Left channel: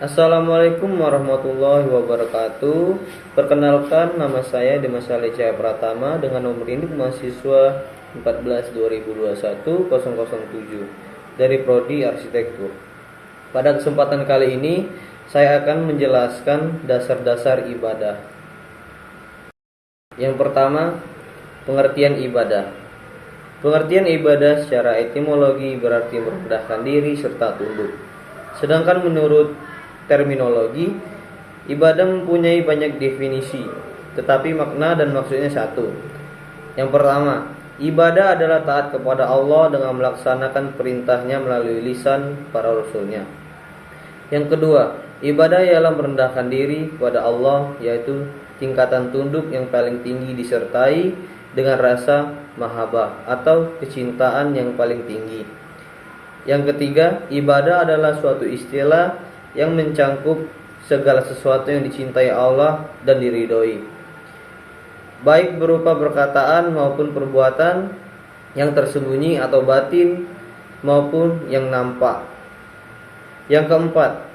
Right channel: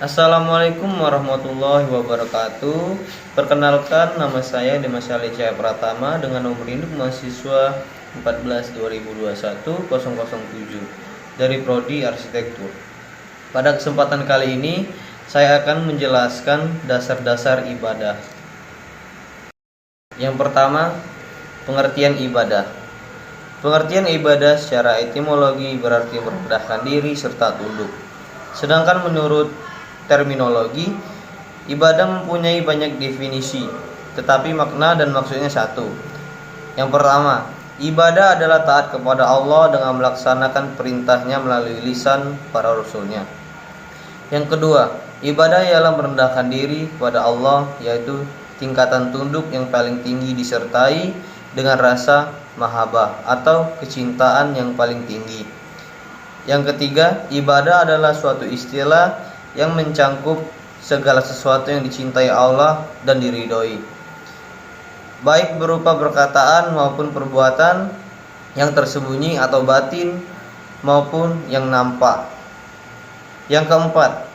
Assalamualaikum warahmatullahi wabarakatuh. Perkenalkan, nama saya Dimas Ali Cahaya Pratama dengan nomor induk mahasiswa 14 2021 007 dari Prodi Arsitektur. Pada kesempatan kali ini saya akan menjelaskan dasar-dasar ibadah. Yang pertama, pengertian ibadah. Pengertian ibadah secara etimologi berarti merendahkan diri serta tunduk. Sedangkan menurut terminologi, ibadah mempunyai banyak definisi, tetapi makna dan maksudnya satu. Yang pertama, ibadah adalah taat kepada Allah dengan melaksanakan perintahnya melalui lisan para rasulnya. Yang kedua, ibadah ialah merendahkan diri kepada Allah, yaitu tingkatan tunduk yang paling tinggi disertai dengan rasa mahabbah atau kecintaan yang paling tinggi. Yang ketiga, ibadah adalah suatu istilah yang mencangkup segala sesuatu yang dicintai Allah dan diridhoi, baik berupa perkataan maupun perbuatan, yang tersembunyi atau batin maupun yang nampak. Yang keempat,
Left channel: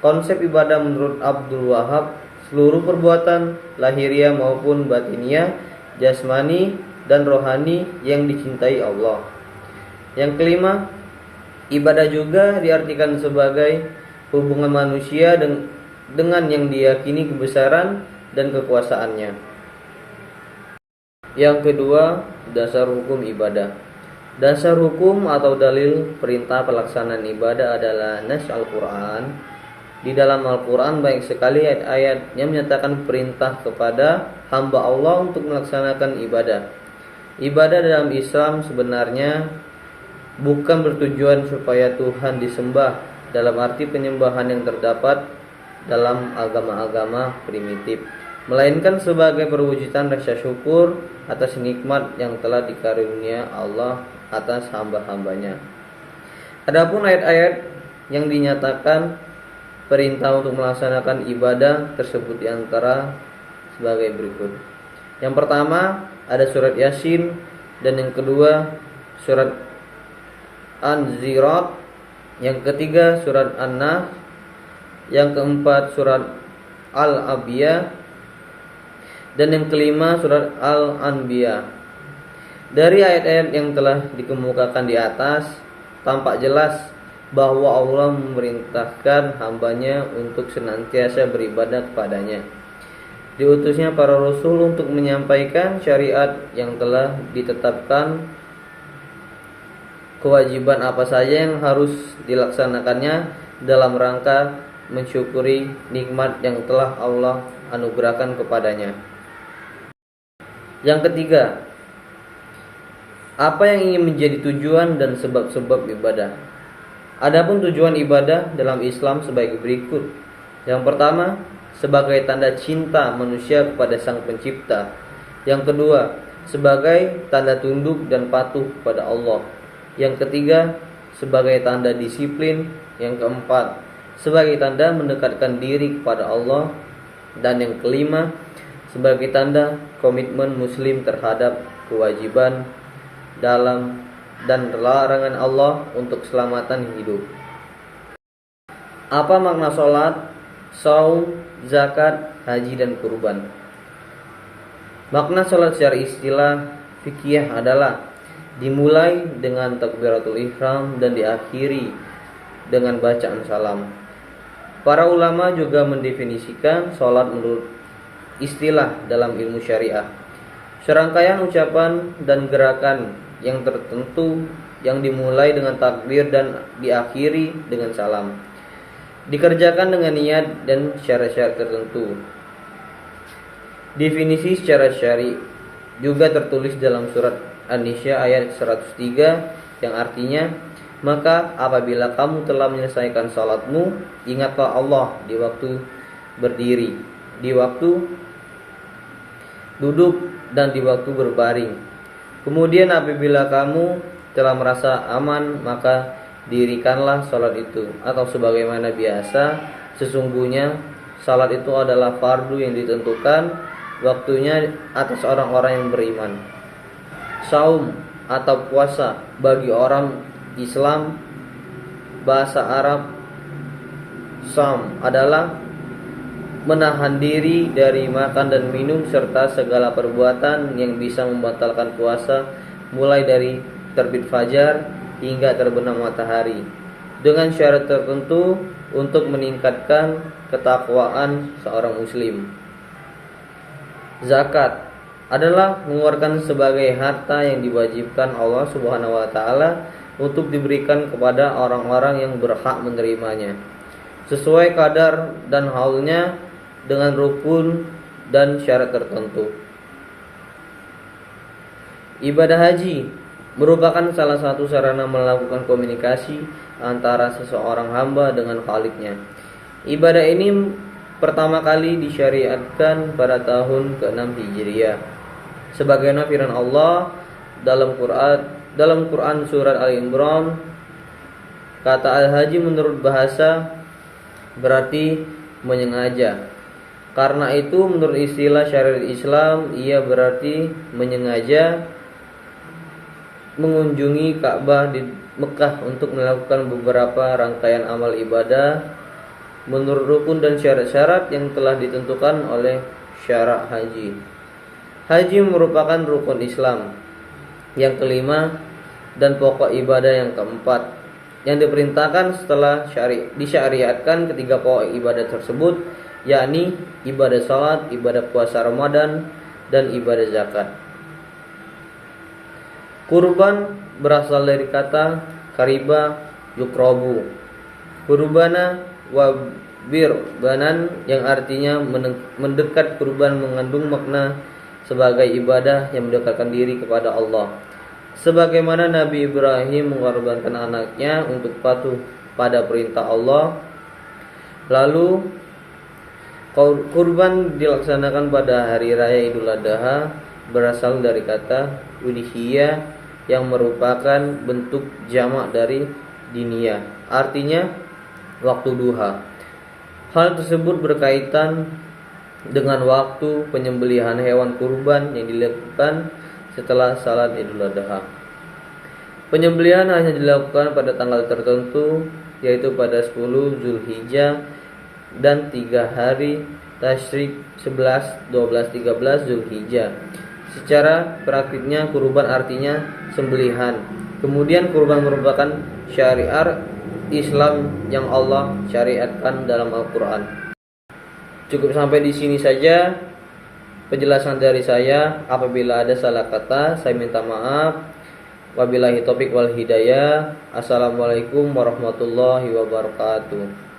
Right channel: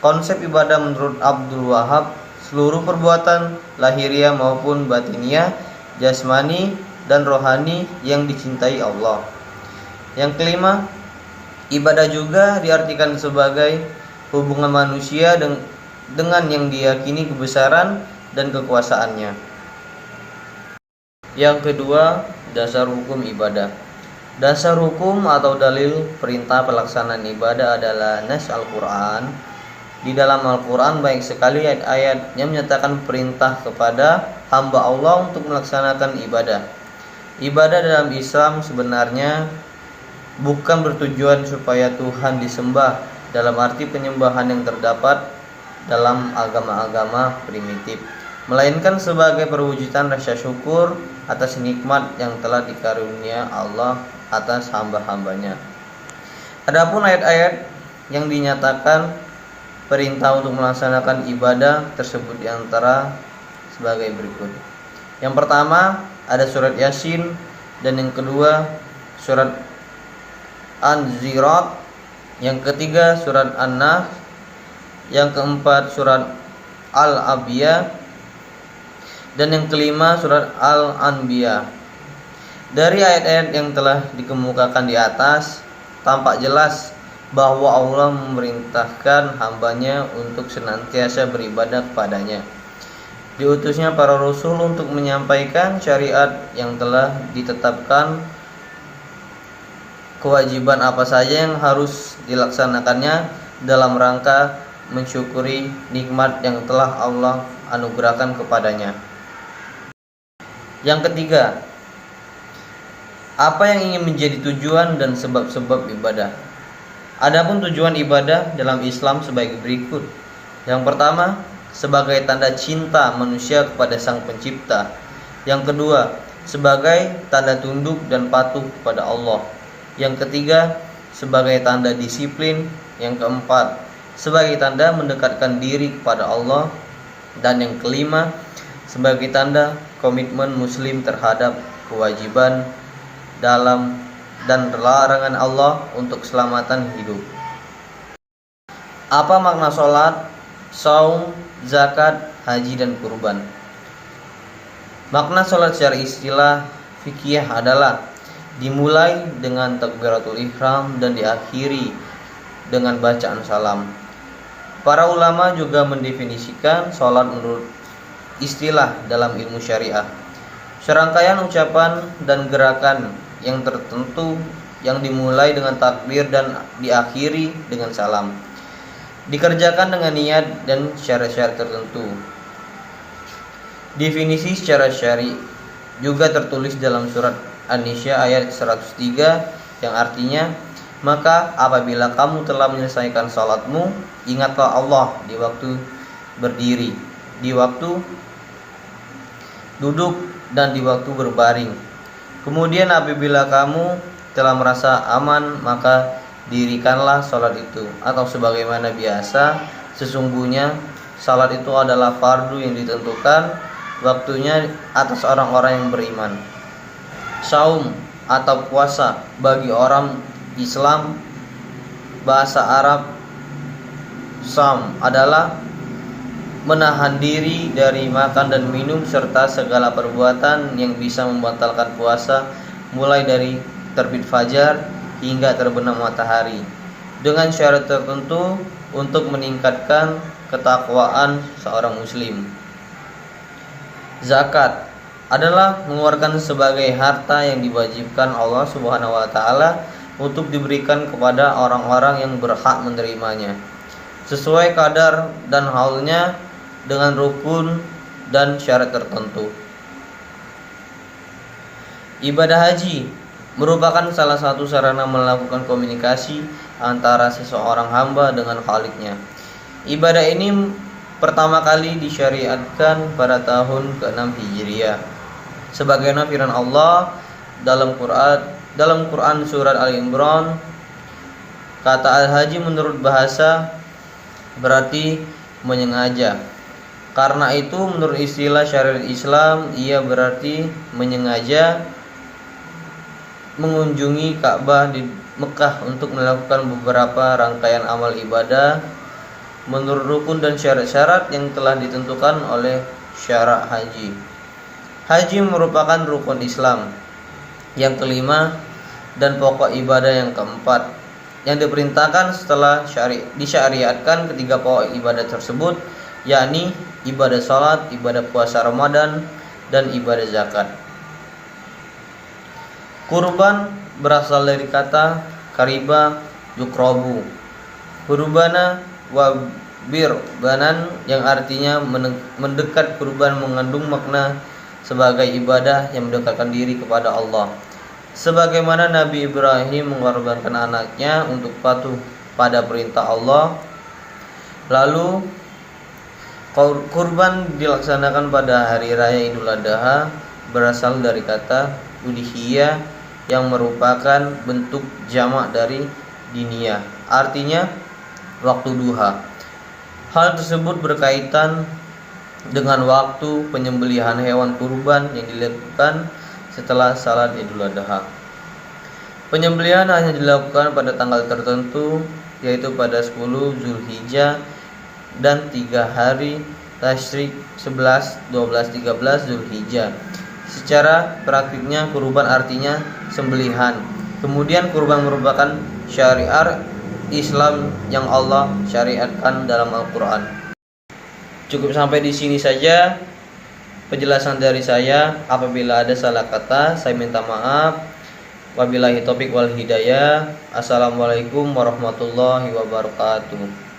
konsep ibadah menurut Abdul Wahab, seluruh perbuatan lahiriah maupun batiniah, jasmani dan rohani yang dicintai Allah. Yang kelima, ibadah juga diartikan sebagai hubungan manusia dengan yang diyakini kebesaran dan kekuasaannya. Yang kedua, dasar hukum ibadah. Dasar hukum atau dalil perintah pelaksanaan ibadah adalah nas Al-Quran. Di dalam Al-Quran banyak sekali ayat-ayat yang menyatakan perintah kepada hamba Allah untuk melaksanakan ibadah. Ibadah dalam Islam sebenarnya bukan bertujuan supaya Tuhan disembah dalam arti penyembahan yang terdapat dalam agama-agama primitif, melainkan sebagai perwujudan rasa syukur atas nikmat yang telah dikarunia Allah atas hamba-hambanya. Adapun ayat-ayat yang dinyatakan perintah untuk melaksanakan ibadah tersebut diantara sebagai berikut. Yang pertama ada surat Yasin, dan yang kedua surat An-Zirat, yang ketiga surat An-Nahl, yang keempat surat Al-Abiyah, dan yang kelima surat Al-Anbiya. Dari ayat-ayat yang telah dikemukakan di atas, tampak jelas bahwa Allah memerintahkan hambanya untuk senantiasa beribadah kepadanya. Diutusnya para rasul untuk menyampaikan syariat yang telah ditetapkan, kewajiban apa saja yang harus dilaksanakannya dalam rangka mensyukuri nikmat yang telah Allah anugerahkan kepadanya. Yang ketiga, apa yang ingin menjadi tujuan dan sebab-sebab ibadah. Adapun tujuan ibadah dalam Islam sebagai berikut. Yang pertama, sebagai tanda cinta manusia kepada Sang Pencipta. Yang kedua, sebagai tanda tunduk dan patuh kepada Allah. Yang ketiga, sebagai tanda disiplin. Yang keempat, sebagai tanda mendekatkan diri kepada Allah. Dan yang kelima, sebagai tanda komitmen muslim terhadap kewajiban dalam dan larangan Allah untuk keselamatan hidup. Apa makna sholat, saum, zakat, haji, dan kurban? Makna sholat secara istilah fikih adalah dimulai dengan takbiratul ihram dan diakhiri dengan bacaan salam. Para ulama juga mendefinisikan sholat menurut istilah dalam ilmu syariah, serangkaian ucapan dan gerakan yang tertentu yang dimulai dengan takbir dan diakhiri dengan salam, dikerjakan dengan niat dan syarat-syarat tertentu. Definisi secara syar'i juga tertulis dalam surat An-Nisa ayat 103 yang artinya, maka apabila kamu telah menyelesaikan salatmu, ingatlah Allah di waktu berdiri, di waktu duduk, dan di waktu berbaring. Kemudian apabila kamu telah merasa aman, maka dirikanlah salat itu. Atau sebagaimana biasa, sesungguhnya salat itu adalah fardu yang ditentukan waktunya atas orang-orang yang beriman. Saum atau puasa bagi orang Islam, bahasa Arab Sham adalah menahan diri dari makan dan minum serta segala perbuatan yang bisa membatalkan puasa mulai dari terbit fajar hingga terbenam matahari, dengan syarat tertentu untuk meningkatkan ketakwaan seorang muslim. Zakat adalah mengeluarkan sebagai harta yang diwajibkan Allah Subhanahu wa taala untuk diberikan kepada orang-orang yang berhak menerimanya, sesuai kadar dan haulnya dengan rukun dan syarat tertentu. Ibadah haji merupakan salah satu sarana melakukan komunikasi antara seseorang hamba dengan Khaliknya. Ibadah ini pertama kali disyariatkan pada tahun ke-6 Hijriah. Sebagaimana firman Allah dalam Quran surat Al-Imran, kata al-haji menurut bahasa berarti menyengaja. Karena itu menurut istilah syariat Islam, ia berarti menyengaja mengunjungi Ka'bah di Mekah untuk melakukan beberapa rangkaian amal ibadah menurut rukun dan syarat-syarat yang telah ditentukan oleh syara' haji. Haji merupakan rukun Islam yang kelima dan pokok ibadah yang keempat yang diperintahkan setelah disyariatkan ketiga pokok ibadah tersebut, yakni ibadah salat, ibadah puasa Ramadan, dan ibadah zakat. Kurban berasal dari kata kariba yukrobu, kurbana wa birbanan, yang artinya mendekat. Kurban mengandung makna sebagai ibadah yang mendekatkan diri kepada Allah, sebagaimana Nabi Ibrahim mengorbankan anaknya untuk patuh pada perintah Allah. Lalu kurban dilaksanakan pada hari raya Idul Adha berasal dari kata udhiyah yang merupakan bentuk jamak dari diniyah, artinya waktu duha. Hal tersebut berkaitan dengan waktu penyembelihan hewan kurban yang dilakukan setelah salat Idul Adha. Penyembelihan hanya dilakukan pada tanggal tertentu, yaitu pada 10 Zulhijjah dan 3 hari Tasyrik 11, 12, 13 Zulhijjah. Secara praktiknya kurban artinya sembelihan. Kemudian kurban merupakan syariat Islam yang Allah syariatkan dalam Al-Quran. Cukup sampai di sini saja penjelasan dari saya. Apabila ada salah kata, saya minta maaf. Wabillahi taufiq wal hidayah. Assalamualaikum warahmatullahi wabarakatuh.